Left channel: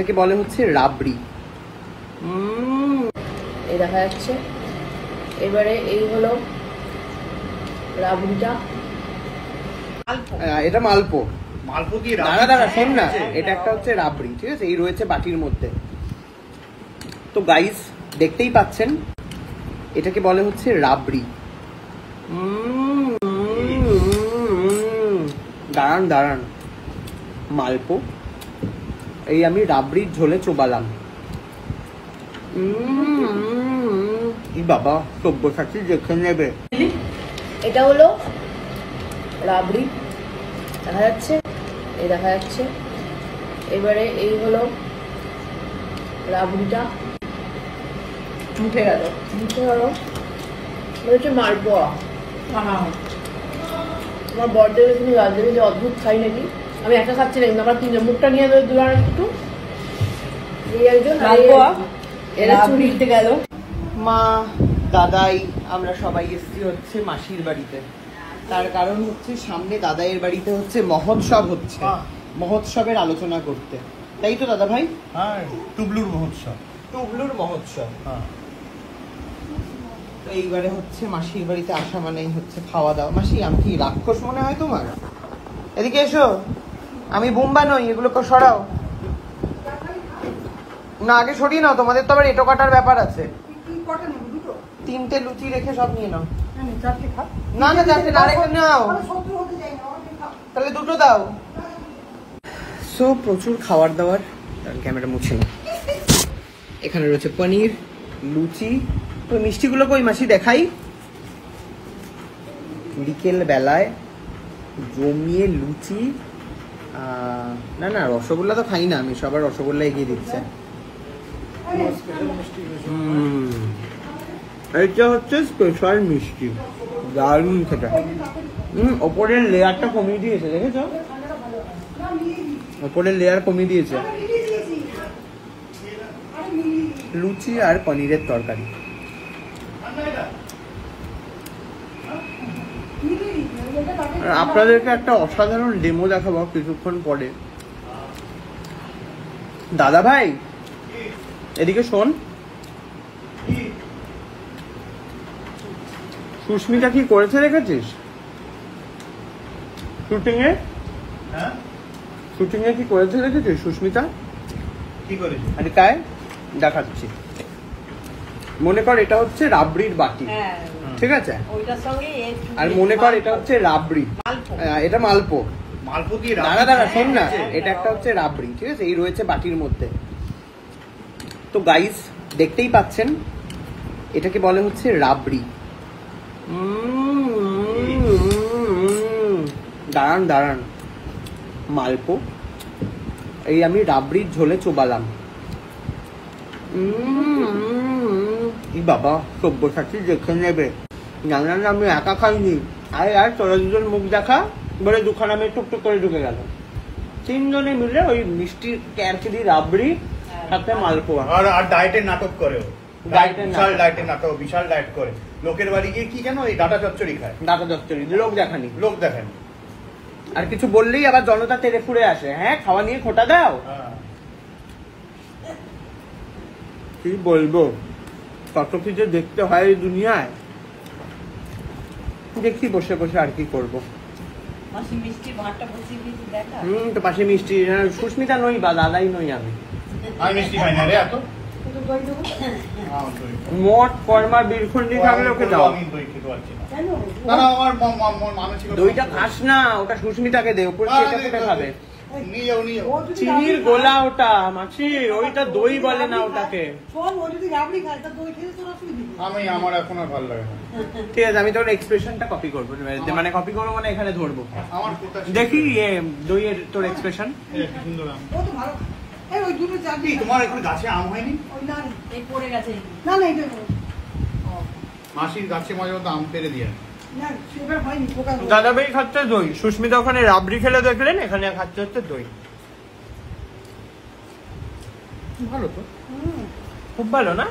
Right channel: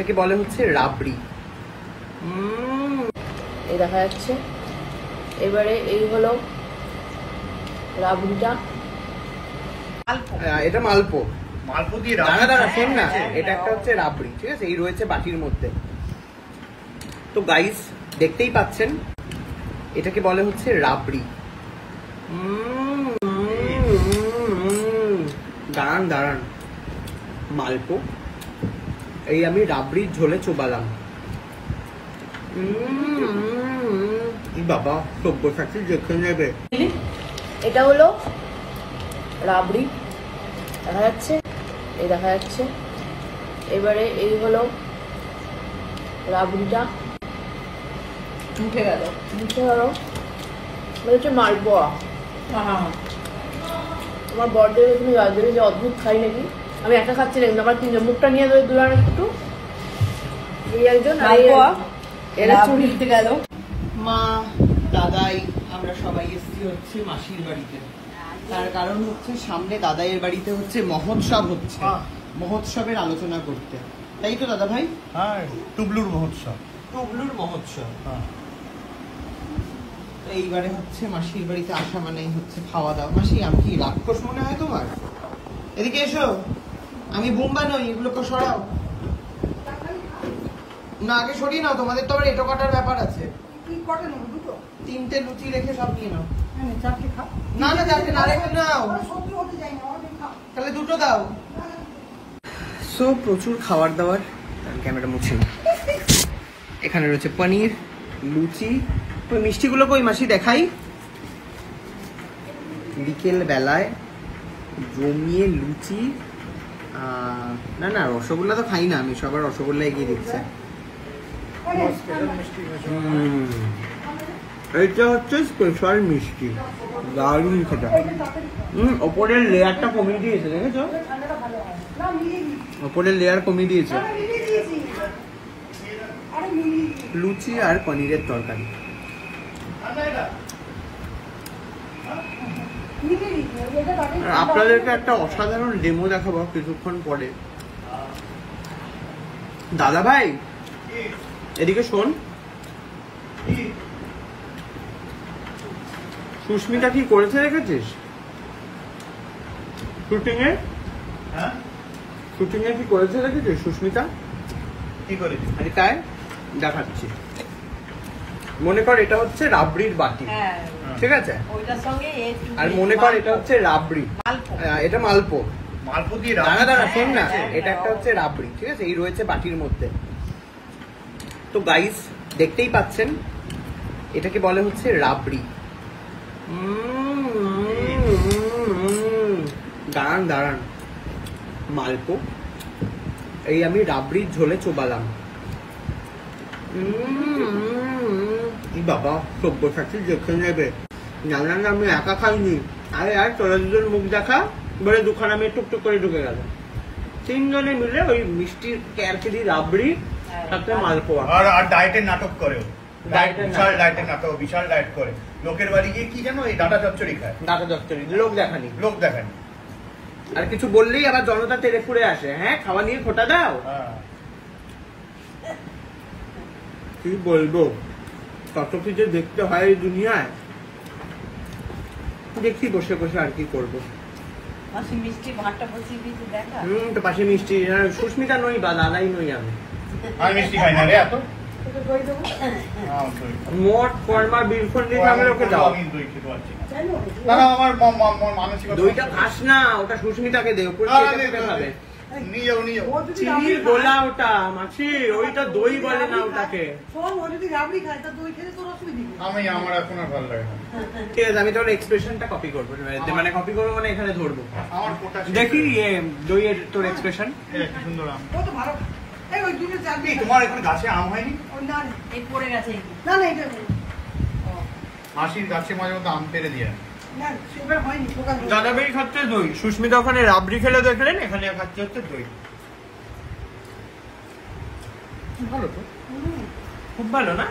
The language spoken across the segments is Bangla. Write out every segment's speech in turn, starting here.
এটাকে বলে হচ্ছে রাবড়ি। এই দেখা যাচ্ছে। এবারে এই হলো রাবড়িটা। এটা মালপো। মালপো কি দাদা শোন না, এটা একটা হচ্ছে রাবড়ি, ঠিক আছে? এই রয়েছে বাটির মধ্যে। তো গাইস দেখতেই পাচ্ছেন, এটাকে বলে হচ্ছে রাবড়ি। দাঁড়ান দাঁড়ান, মালপো এই আমি রাবড়ির ঝোলে চোবালাম। বাবা সব্যসাচী দেখে নেবে। এটা হলো রাবড়ি, দেখা যাচ্ছে, এই দেখা যাচ্ছে। এবারে এই হলো রাবড়িটা। মুখে গেল হচ্ছে মালপোয়া। আমার বড়দের এখানে রাজধানী যে অদ্ভুত খাই নাকি, আমি একা খাচ্ছি না, কিন্তু আমার তিনজন মুখটা নিয়ে ধরে দুলার একটু এই একজন এরা চুরিতে গেল। মা দাদাই আমরা সবাই এসেছি হচ্ছে মাসির বাড়িতে। তার কারণ হচ্ছে সামনে দাদাইয়ের বাড়িতে হচ্ছে মহোৎসব হচ্ছে, মহোৎসবের আলোচনা করতে, তাই তো দাদা ভাই? হ্যাঁ, টুবলুর মহোৎসব। টুবলুর মহোৎসব। এইবারে হচ্ছে মাসির বাড়িতে আসা মানেই হচ্ছে খাওয়া দাওয়া। মাসি আমি কি রাক্ষস মনে হয় তোমার? এদিকে এসো, আমি বোম্বা নই, এগুলোকে সরাও না, আগে সরিয়ে নাও, তোমাদের তো আবার এটো কাটার ব্যাপার আছে। তিনটে লুচি রেখে সব নিয়ে নাও। না না চারটে না রেখে নাও, তাহলে দুটো দাও। সো প্রচুর খাবার দাবার, ক্যামেরা মুছে না। এখানে রয়েছে পনির, লুচি, মিষ্টিগুলো কই মাসি দেখাই। বিকেল বেলায় জমিয়ে লুচি। না না রসগোল্লা তো খাই না আমি, সবার রসগোল্লা এগিয়ে দিচ্ছে। এটা হচ্ছে স্পেশাল মিষ্টি, দারুণ খেতে। ওপরের লেয়ারটা কমিয়ে দিয়েছে, দেখেছো? ওপরের লেয়ার কমিয়ে দিয়েছে। লুচি আর পনিরের তরকারি। আপনাদেরকে একটা অসাধারণ ডেমো দেখাবো কিছুক্ষণ পরে। দাদা ভাই এদিকে শোন, সুস্মিতা কি করেছে দেখেছিস শুটিং এ? শুটিং এ কি করেছে দেখেছিস সুস্মিতা? কি করে? আরে তাই দেখাচ্ছি। মনে কর এটা হচ্ছে রাবড়ির বাটি, ঠিক আছে? আর মনে কর এটা হচ্ছে রাবড়ি, এটা মালপো। মালপো কি দাদা শোন না, এটা একটা হচ্ছে রাবড়ি, ঠিক আছে? এই রয়েছে বাটির মধ্যে। তো গাইস দেখতেই পাচ্ছেন, এটাকে বলে হচ্ছে রাবড়ি। দাঁড়ান দাঁড়ান, মালপো এই আমি রাবড়ির ঝোলে চোবালাম। বাবা সব্যসাচী দেখে নেবে। জানলাম আমি একা খাইনি, আরে আর তোরা দুজন মুখ দেখা বলে দুখানা আমি টুকটুক করে ঢুকে গেল। তিনজনে মিলে ওই মিষ্টির ক্যারকেরি রাবড়ি সাথে মালপোয়া। আর ডায়েটের নাটক করে, বিশাল ডায়েটের নাটক, বিশাল ডায়েট করে। লোকের বাড়ি গিয়ে কি জানো, এই ডাটা চচ্চড়ি খায়। ডাটা চচ্চড়ি লোক দেখানি, লোক দেখানি। আর কিছু বললেই আবার জনতা তেড়ে ফুড়ে আসে, হ্যাঁ খাওয়া নিয়ে খোটা দাও। কি বলবো, কত কিছু দেখতে হয় এই দুনিয়ায়। দেখি বসে বসে আর কি করবো। তো পাশে মিষ্টি, সুস্মিতা নই বা দাদাই নই আমি। মিষ্টি খাই না রে এত। মোট ফর্মা বিলফুন্ডি সামনে ওকে দাও। দইটা খাস না, ওটা সুস্মিতাকে দে, উপরে খাবে। চিনির গোলা ওটা মাছি, ওইটা দই বলে না ওটাকে। আমি আমার এখন আর ভালো লাগে না। ঠিক আছে, আমি তোর এক্সপ্রেশনটা কপি করবো, মানে কপি করবো মানে এখানে ধরবো। দেখি দইয়ের তোর এক্সপ্রেশন। তোমার এখন গাছে আম হয়নি? মাসির গাছে মাঝে মধ্যে আম পেরে দিয়ে। দাদা ভাই খাচ্ছে দই, সুস্মিতা ওখানে রাবড়ি খেলে দেখলেন, এখানে খাচ্ছে হচ্ছে দই। ভালো তো, খুব ভালো না?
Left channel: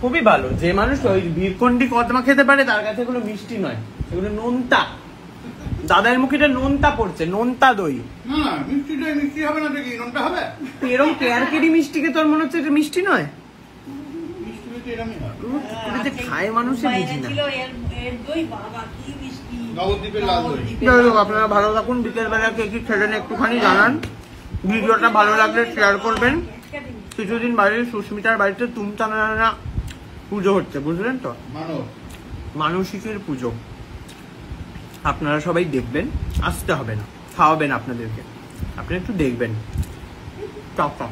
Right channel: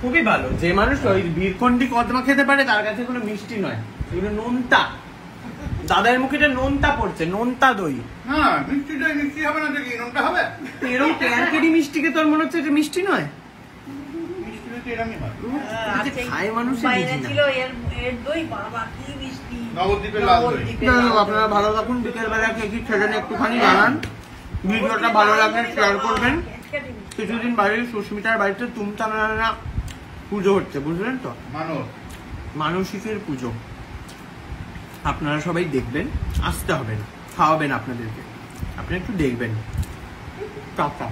খুবই ভালো। যে মানুষ ওই বীরকন্ডি কদমা খেতে পারে তার কাছে কোনো মিষ্টি নয়, এগুলো নুনটা। দাদার মুখে যে নোনতা পড়ছে, নোনতা দই। হ্যাঁ, মিষ্টি দই মিষ্টি হবে না দেখি, নোনটা হবে। এরকম কেয়ারকেরি মিষ্টিকে তোর মনে হচ্ছে এটা মিষ্টি নয়? মিষ্টি দই তো এরমই হয়। এটা যে খায় মানুষে বুঝি না। নবদ্বীপের লাল দই। যাই হোক, আপনারা ভালো থাকুন। বিকেলবেলা কে কি খেলেন একটুখানি জানান। ভিডিওটা ভালো লাগলে শেয়ার করবেন। কিছুদিন বাড়ির সুস্মিতার বাড়িতে তুমতানা পুজো হচ্ছে, বুঝলেন তো? মানসিকের পুজো। আপনারা সবাই দেখবেন, আসতে হবে না, খাওয়াবেন আপনাদেরকে, আপনি একটু দেখবেন। টাটা।